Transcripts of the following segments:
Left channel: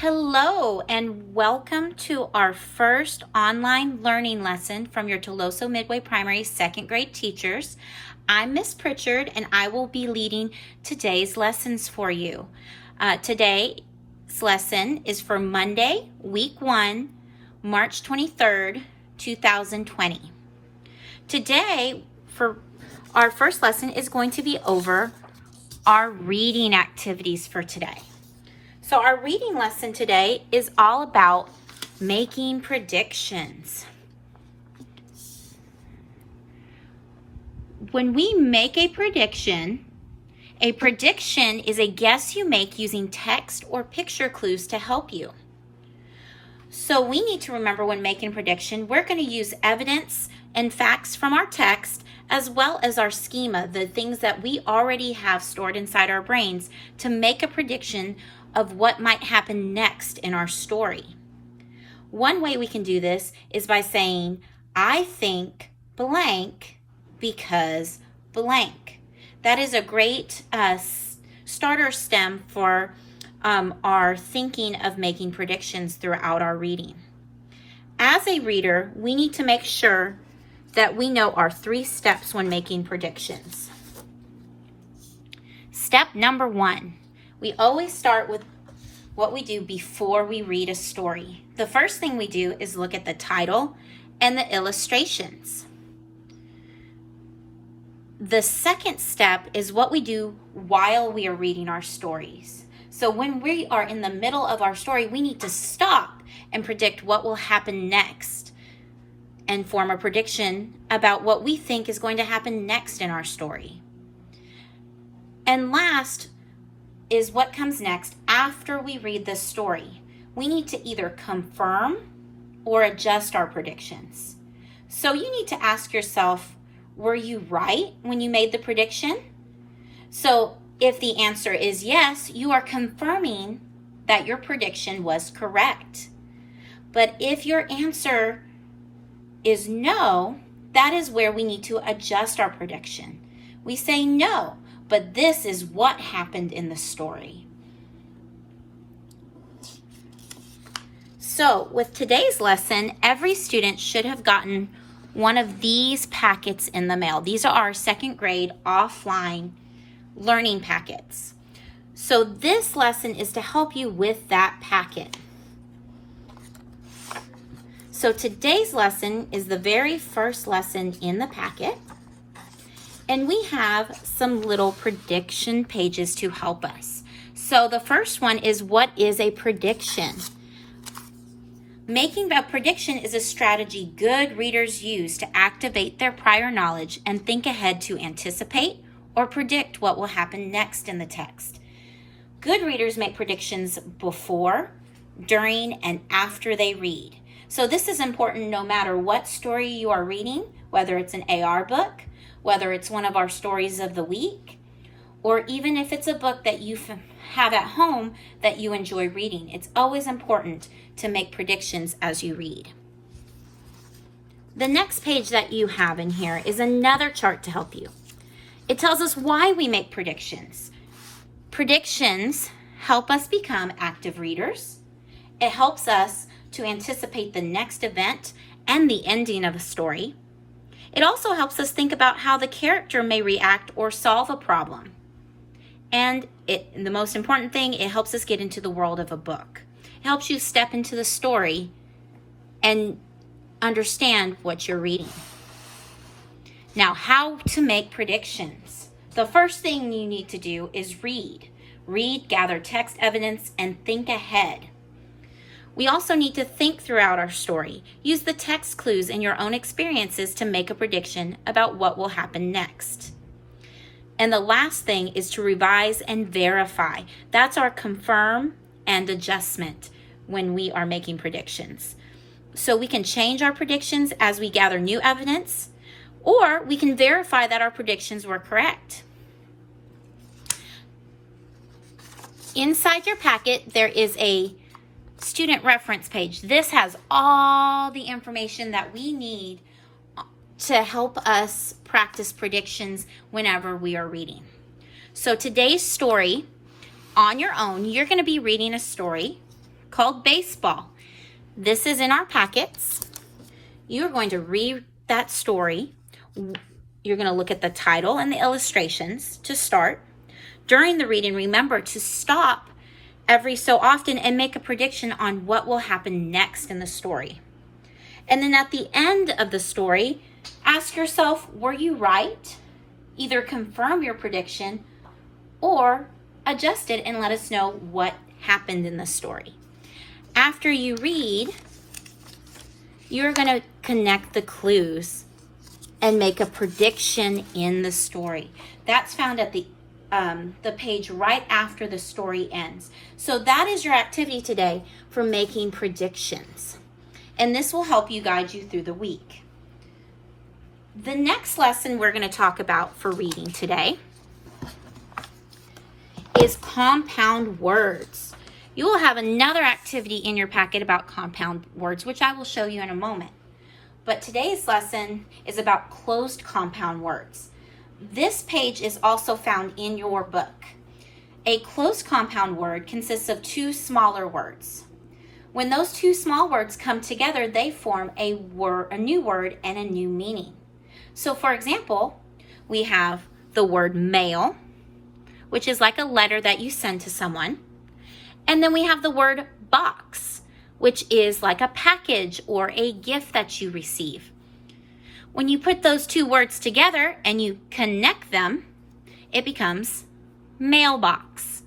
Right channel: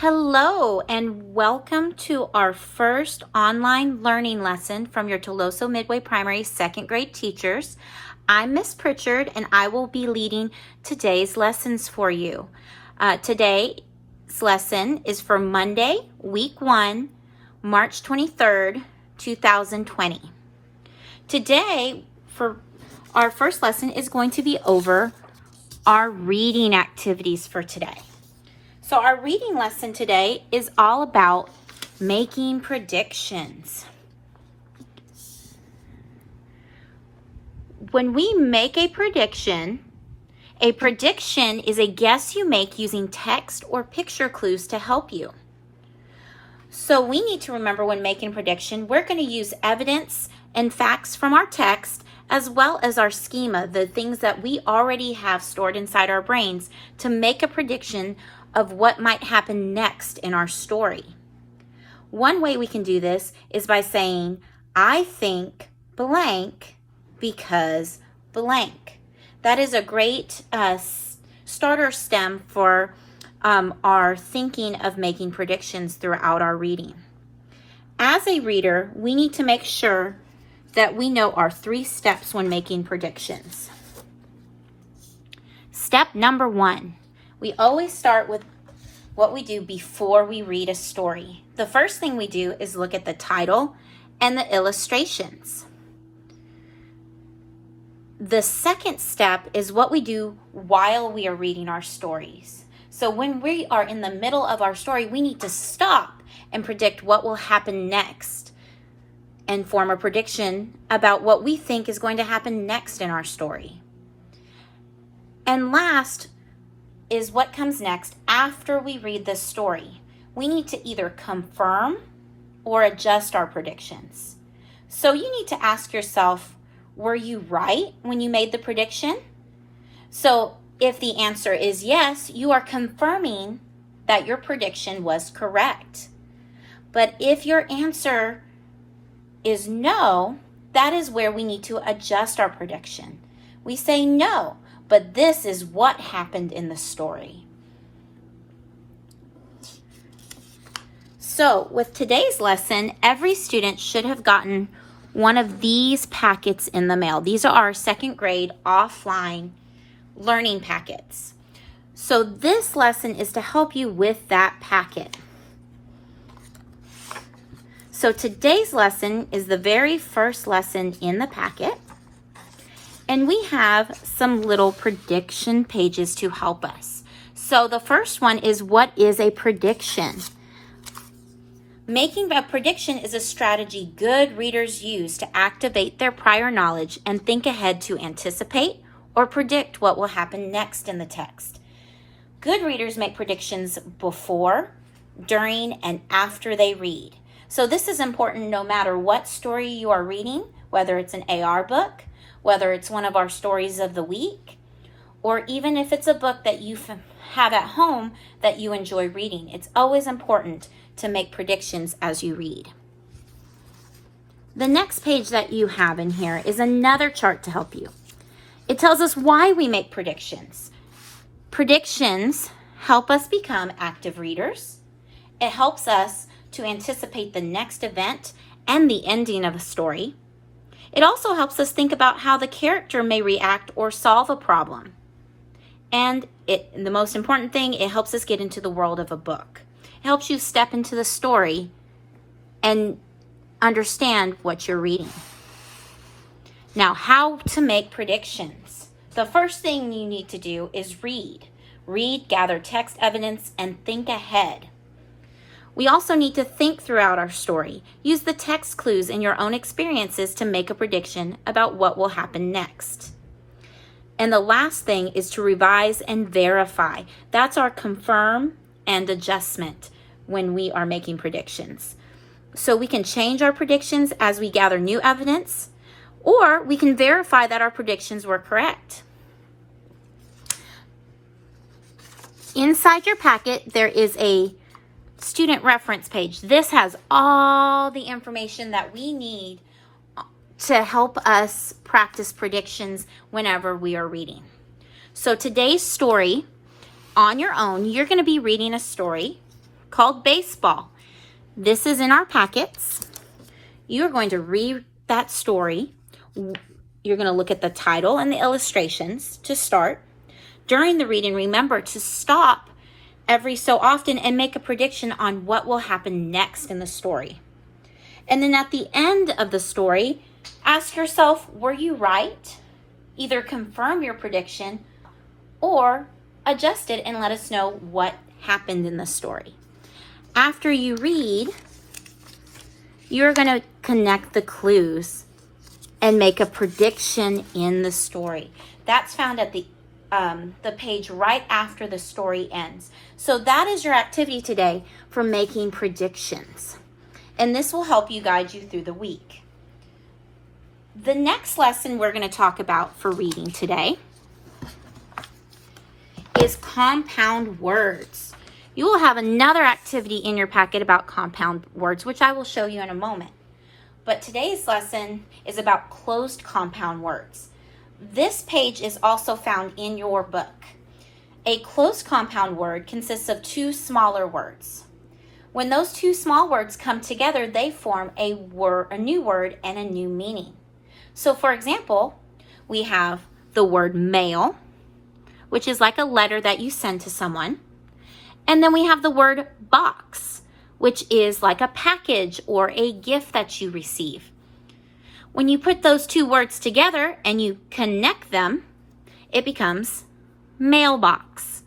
Hello and welcome to our first online learning lesson from your Toloso Midway Primary second grade teachers. I'm Miss Pritchard and I will be leading today's lessons for you. Today's lesson is for Monday, week 1, March 23rd, 2020. Today, for our first lesson is going to be over our reading activities for today. So our reading lesson today is all about making predictions. When we make a prediction is a guess you make using text or picture clues to help you. So we need to remember when making a prediction, we're going to use evidence and facts from our text as well as our schema, the things that we already have stored inside our brains to make a prediction of what might happen next in our story. One way we can do this is by saying, I think blank because blank. That is a great starter stem for our thinking of making predictions throughout our reading. As a reader, we need to make sure that we know our 3 steps when making predictions. Step number 1. We always start with what we do before we read a story. The first thing we do is look at the title and the illustrations. The second step is what we do while we are reading our stories. So when we are in the middle of our story, we need to stop and predict what will happen next and form a prediction about what we think is going to happen next in our story. And last is what comes next after we read the story. We need to either confirm or adjust our predictions. So you need to ask yourself, were you right when you made the prediction? So if the answer is yes, you are confirming that your prediction was correct. But if your answer is no, that is where we need to adjust our prediction. We say no, but this is what happened in the story. So with today's lesson, every student should have gotten one of these packets in the mail. These are our second grade offline learning packets. So this lesson is to help you with that packet. So today's lesson is the very first lesson in the packet. And we have some little prediction pages to help us. So the first one is, what is a prediction? Making a prediction is a strategy good readers use to activate their prior knowledge and think ahead to anticipate or predict what will happen next in the text. Good readers make predictions before, during, and after they read. So this is important no matter what story you are reading, whether it's an AR book, whether it's one of our stories of the week, or even if it's a book that you have at home that you enjoy reading. It's always important to make predictions as you read. The next page that you have in here is another chart to help you. It tells us why we make predictions. Predictions help us become active readers. It helps us to anticipate the next event and the ending of a story. It also helps us think about how the character may react or solve a problem. And the most important thing, it helps us get into the world of a book. It helps you step into the story and understand what you're reading. Now, how to make predictions. The first thing you need to do is read. Read, gather text evidence, and think ahead. We also need to think throughout our story. Use the text clues in your own experiences to make a prediction about what will happen next. And the last thing is to revise and verify. That's our confirm and adjustment when we are making predictions. So we can change our predictions as we gather new evidence, or we can verify that our predictions were correct. Inside your packet, there is a student reference page. This has all the information that we need to help us practice predictions whenever we are reading. So today's story, on your own, you're going to be reading a story called baseball. This is in our packets. You're going to read that story. You're going to look at the title and the illustrations to start. During the reading, remember to stop every so often and make a prediction on what will happen next in the story. And then at the end of the story, ask yourself, were you right? Either confirm your prediction or adjust it and let us know what happened in the story. After you read, you're going to connect the clues and make a prediction in the story. That's found at the page right after the story ends. So that is your activity today for making predictions. And this will help you guide you through the week. The next lesson we're going to talk about for reading today is compound words. You will have another activity in your packet about compound words, which I will show you in a moment. But today's lesson is about closed compound words. This page is also found in your book. A closed compound word consists of two smaller words. When those two small words come together, they form a new word and a new meaning. So for example, we have the word mail, which is like a letter that you send to someone. And then we have the word box, which is like a package or a gift that you receive. When you put those two words together and you connect them, it becomes mailbox.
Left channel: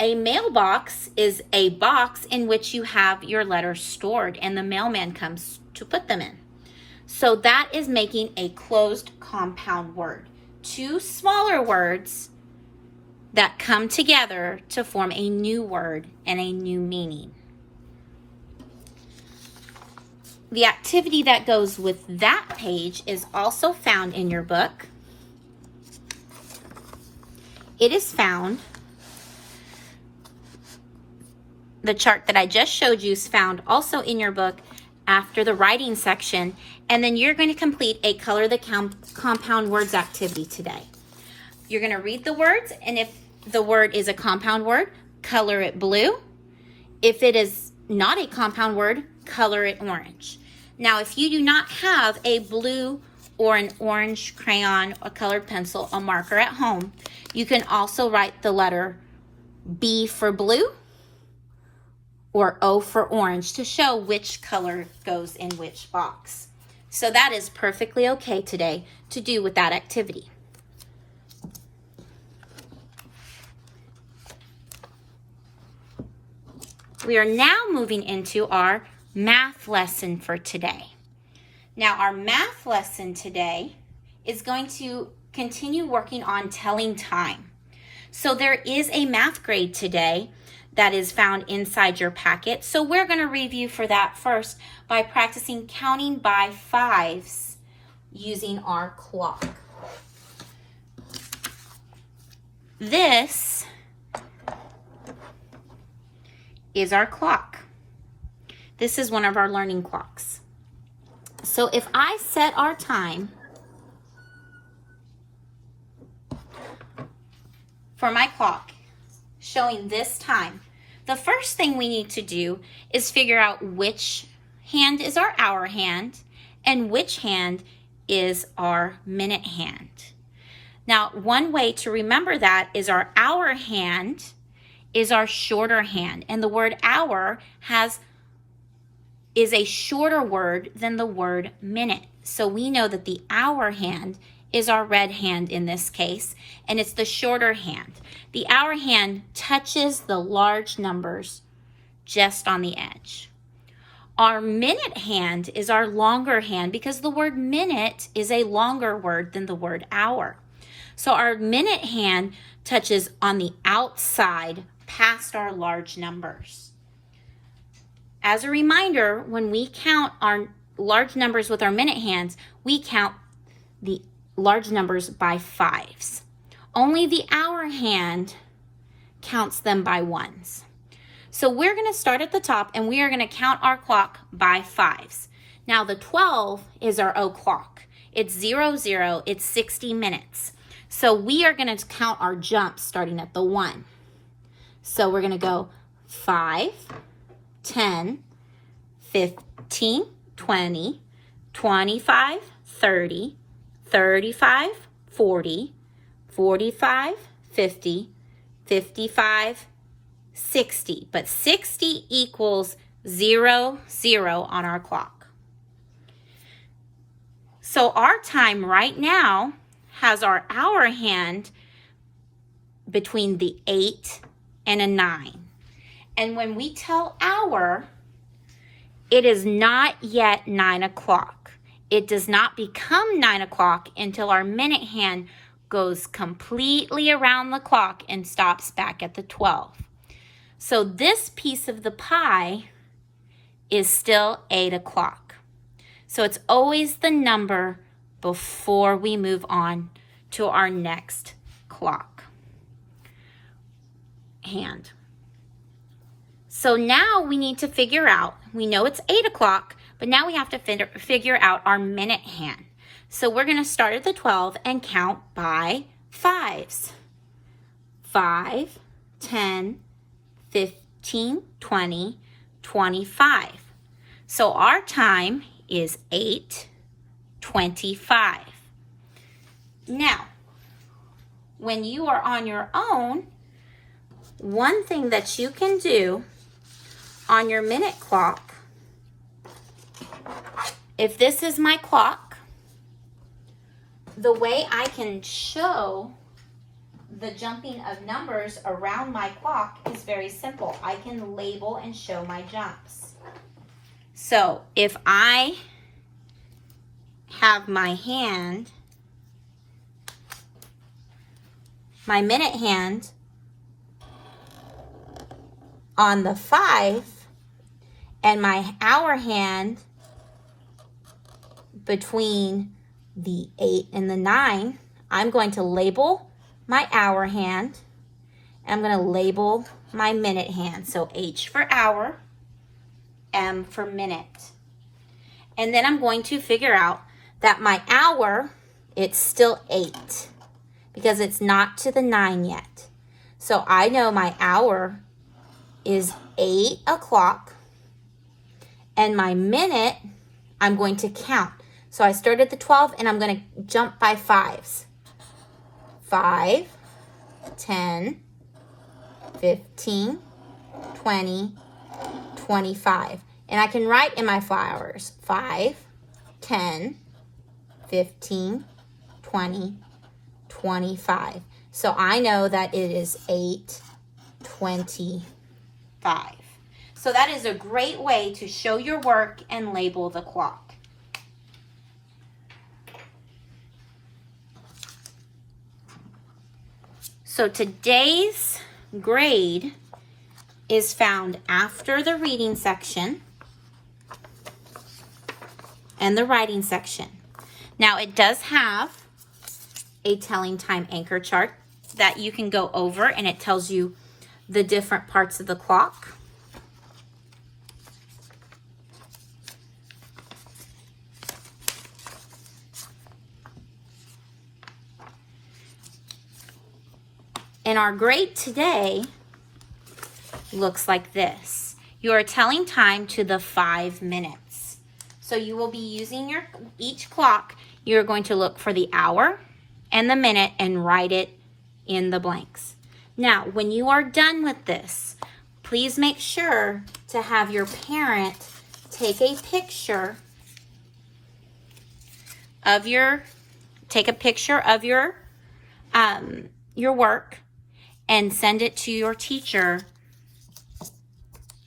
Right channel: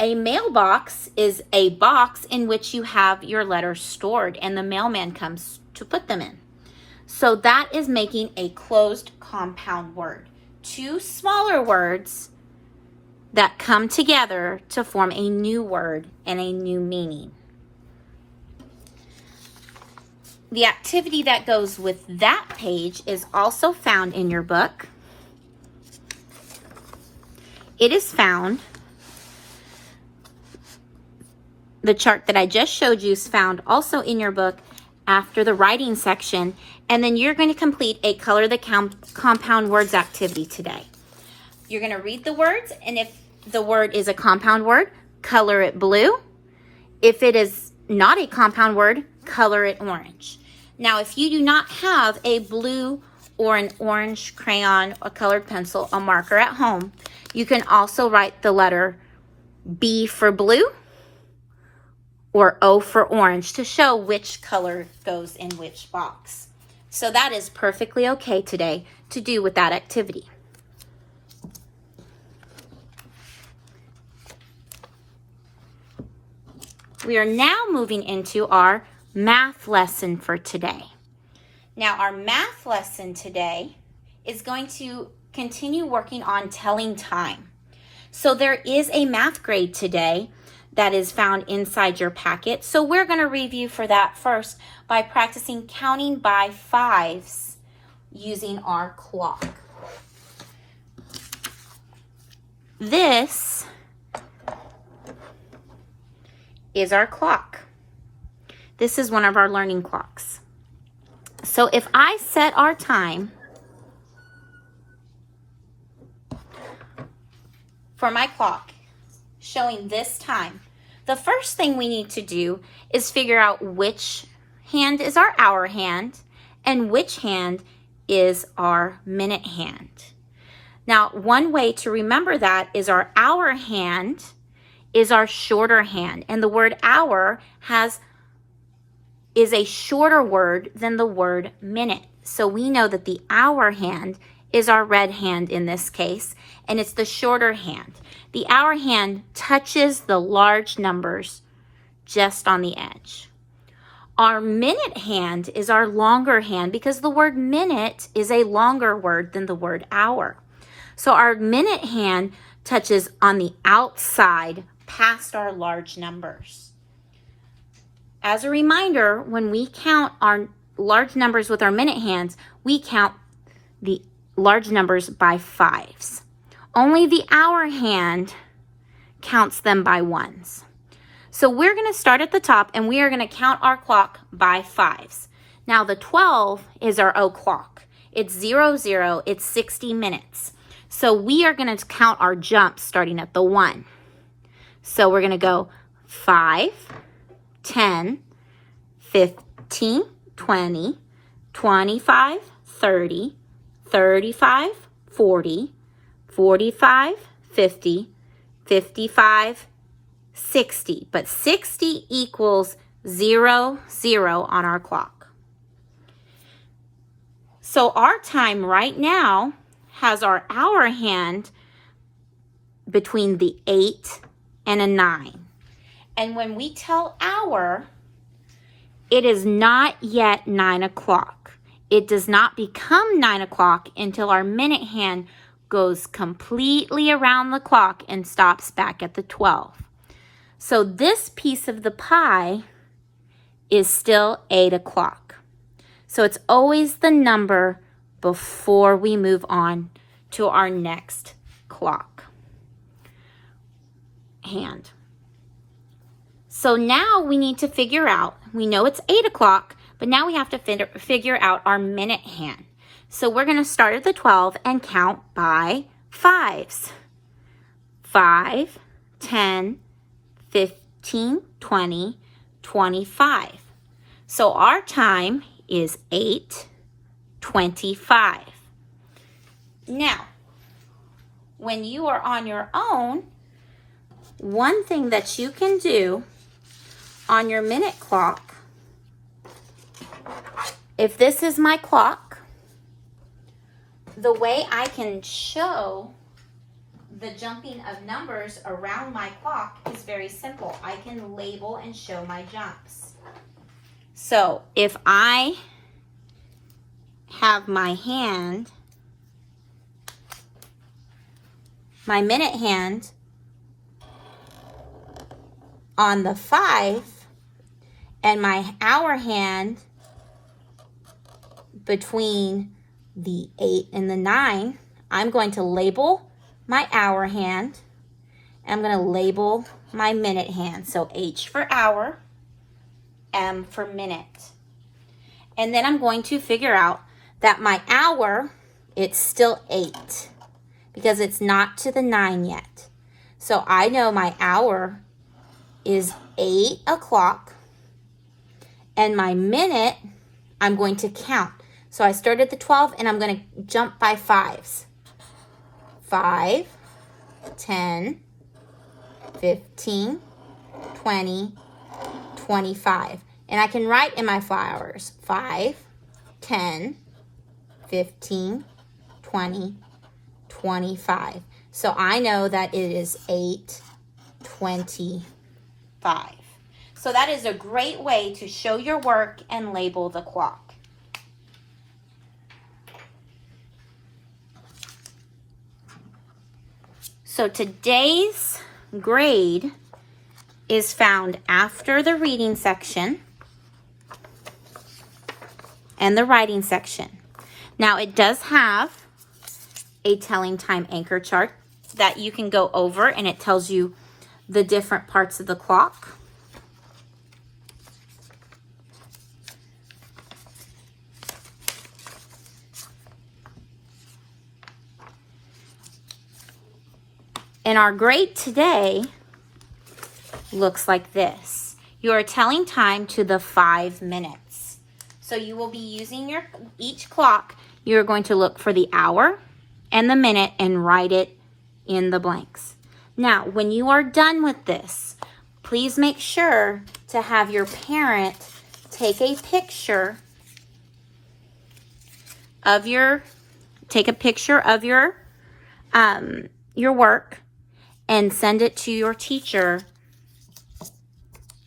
A mailbox is a box in which you have your letters stored and the mailman comes to put them in. So that is making a closed compound word. Two smaller words that come together to form a new word and a new meaning. The activity that goes with that page is also found in your book. It is found, the chart that I just showed you is found also in your book after the writing section, and then you're going to complete a color the compound words activity today. You're going to read the words, and if the word is a compound word, color it blue. If it is not a compound word, color it orange. Now, if you do not have a blue or an orange crayon, a colored pencil, a marker at home, you can also write the letter B for blue or O for orange to show which color goes in which box. So that is perfectly okay today to do with that activity. We are now moving into our math lesson for today. Now, our math lesson today is going to continue working on telling time. So there is a math grade today that is found inside your packet. So we're going to review for that first by practicing counting by fives using our clock. This is our clock. This is one of our learning clocks. So if I set our time for my clock showing this time, the first thing we need to do is figure out which hand is our hour hand and which hand is our minute hand. Now, one way to remember that is our hour hand is our shorter hand, and the word hour is a shorter word than the word minute. So we know that the hour hand is our red hand in this case, and it's the shorter hand. The hour hand touches the large numbers just on the edge. Our minute hand is our longer hand because the word minute is a longer word than the word hour. So our minute hand touches on the outside past our large numbers. As a reminder, when we count our large numbers with our minute hands, we count the large numbers by fives. Only the hour hand counts them by ones. So we're going to start at the top and we are going to count our clock by fives. Now the 12 is our o'clock. It's 00, it's 60 minutes. So we are going to count our jumps starting at the 1. So we're going to go 5, 10, 15, 20, 25, 30, 35, 40, 45, 50, 55, 60. But 60 equals 0, 0 on our clock. So our time right now has our hour hand between the 8 and a 9. And when we tell hour, it is not yet 9 o'clock. It does not become 9 o'clock until our minute hand goes completely around the clock and stops back at the 12. So this piece of the pie is still 8 o'clock. So it's always the number before we move on to our next clock hand. So now we need to figure out, we know it's 8 o'clock, but now we have to figure out our minute hand. So we're going to start at the 12 and count by 5s. 5, 10, 15, 20, 25. So our time is 8:25. Now, when you are on your own, one thing that you can do on your minute clock, if this is my clock, the way I can show the jumping of numbers around my clock is very simple. I can label and show my jumps. So if I have my hand, my minute hand on the 5 and my hour hand between the 8 and the 9, I'm going to label my hour hand. I'm going to label my minute hand. So H for hour, M for minute. And then I'm going to figure out that my hour, it's still 8 because it's not to the 9 yet. So I know my hour is 8 o'clock, and my minute, I'm going to count. So I start at the 12 and I'm going to jump by 5s. 5, 10, 15, 20, 25. And I can write in my flowers 5, 10, 15, 20, 25. So I know that it is 8:25. So that is a great way to show your work and label the clock. So today's grade is found after the reading section and the writing section. Now it does have a telling time anchor chart that you can go over, and it tells you the different parts of the clock. And our grade today looks like this. You are telling time to the 5 minutes. So you will be using each clock. You're going to look for the hour and the minute and write it in the blanks. Now, when you are done with this, please make sure to have your parent take a picture of your work and send it to your teacher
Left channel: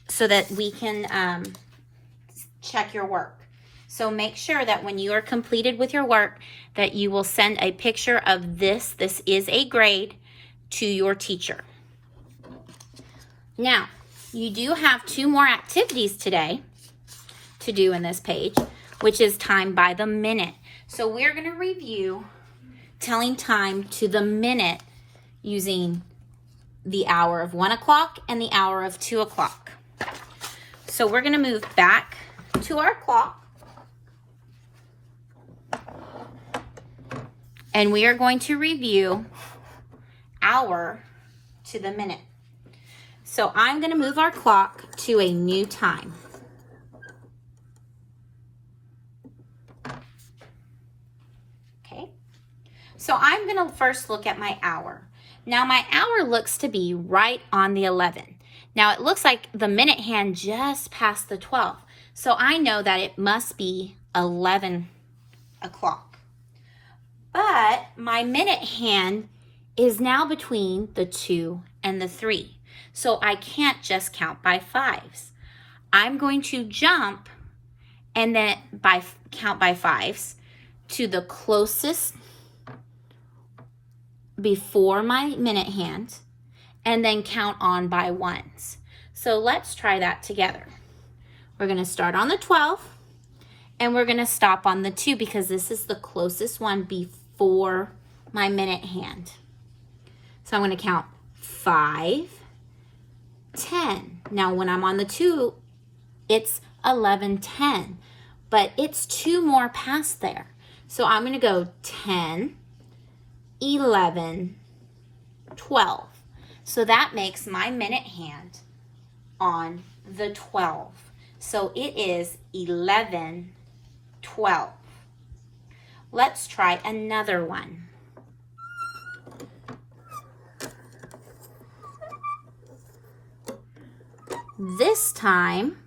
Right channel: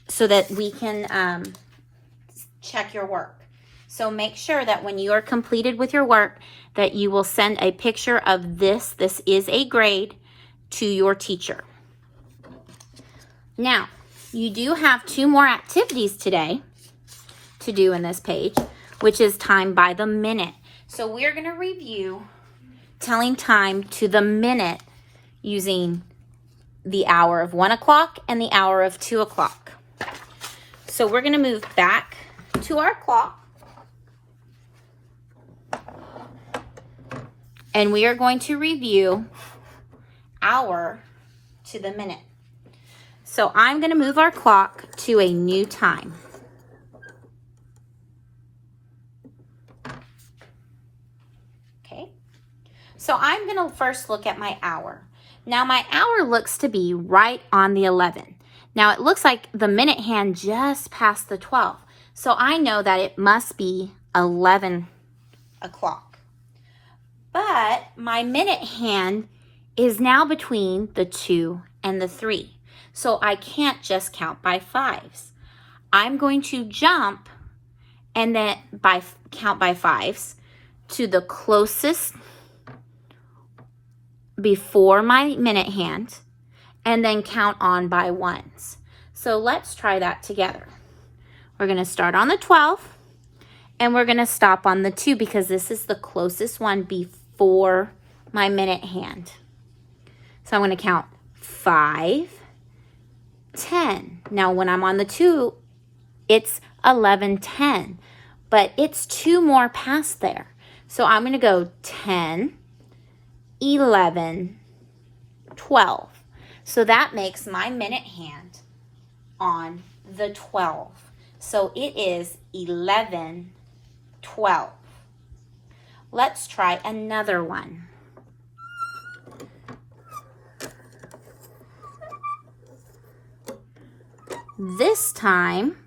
so that we can check your work. So make sure that when you are completed with your work that you will send a picture of this is a grade, to your teacher. Now, you do have 2 more activities today to do in this page, which is time by the minute. So we're going to review telling time to the minute using the hour of 1 o'clock and the hour of 2 o'clock. So we're going to move back to our clock. And we are going to review hour to the minute. So I'm going to move our clock to a new time. Okay. So I'm going to first look at my hour. Now my hour looks to be right on the 11. Now it looks like the minute hand just passed the 12. So I know that it must be 11 o'clock. But my minute hand is now between the 2 and the 3. So I can't just count by fives. I'm going to jump and then count by fives to the closest before my minute hand, and then count on by ones. So let's try that together. We're going to start on the 12, and we're going to stop on the 2 because this is the closest one before my minute hand. So I'm going to count 5, 10. Now when I'm on the 2, it's 11:10, but it's 2 more past there. So I'm going to go 10, 11, 12. So that makes my minute hand on the 12. So it is 11:12. Let's try another one. This time,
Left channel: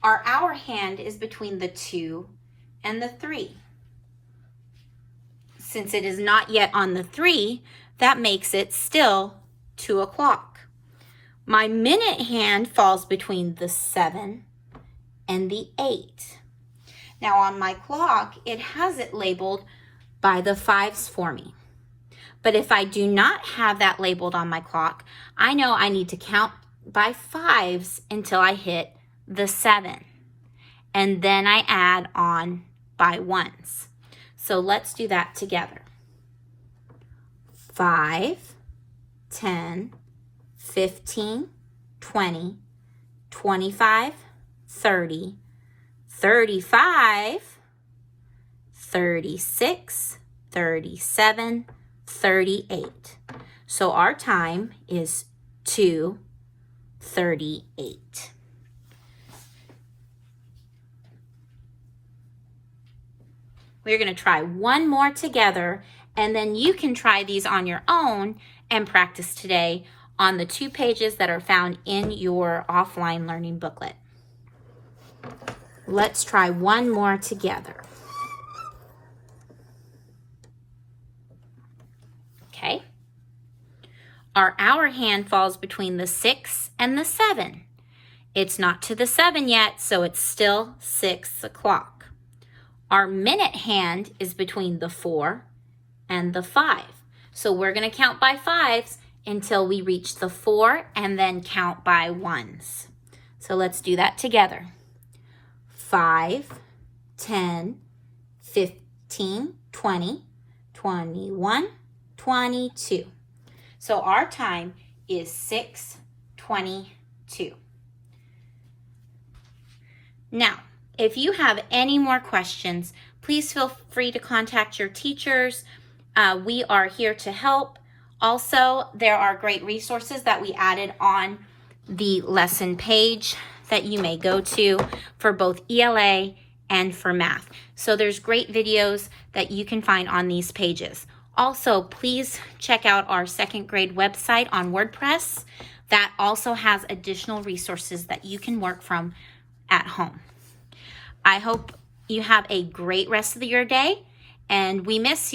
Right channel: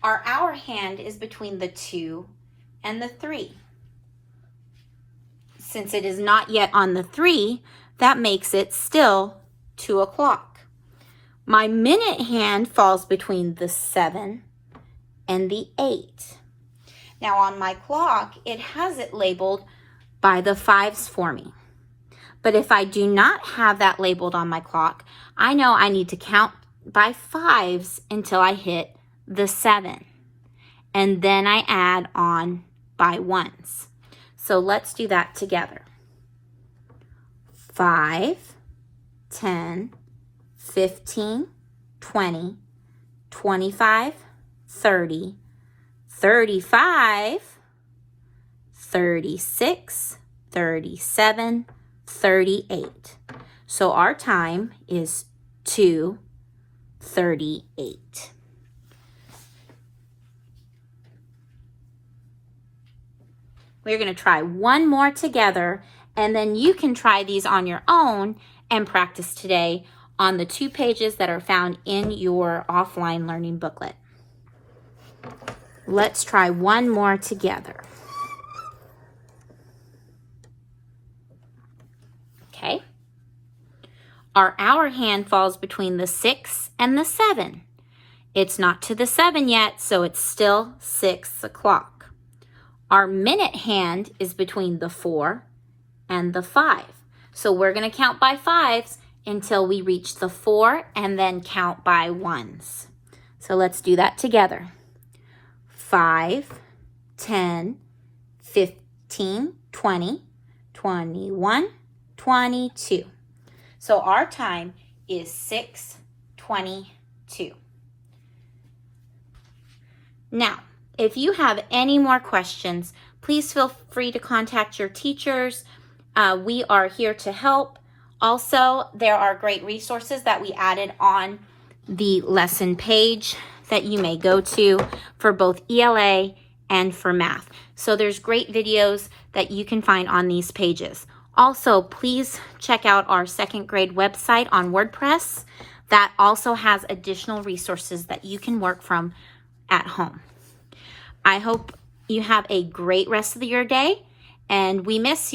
our hour hand is between the 2 and the 3. Since it is not yet on the 3, that makes it still 2 o'clock. My minute hand falls between the 7 and the 8. Now on my clock, it has it labeled by the fives for me. But if I do not have that labeled on my clock, I know I need to count by fives until I hit the 7. And then I add on by ones. So let's do that together. 5, 10, 15, 20, 25, 30, 35, 36, 37, 38. So our time is 2:38. We're going to try one more together, and then you can try these on your own and practice today on the 2 pages that are found in your offline learning booklet. Let's try one more together. Okay. Our hour hand falls between the 6 and the 7. It's not to the 7 yet, so it's still 6 o'clock. Our minute hand is between the 4 and the 5. So we're going to count by fives until we reach the 4 and then count by ones. So let's do that together. 5, 10, 15, 20, 21, 22. So our time is 6:22. Now, if you have any more questions, please feel free to contact your teachers. We are here to help. Also, there are great resources that we added on the lesson page that you may go to for both ELA and for math. So there's great videos that you can find on these pages. Also, please check out our 2nd grade website on WordPress. That also has additional resources that you can work from at home. I hope you have a great rest of your day, and we miss you.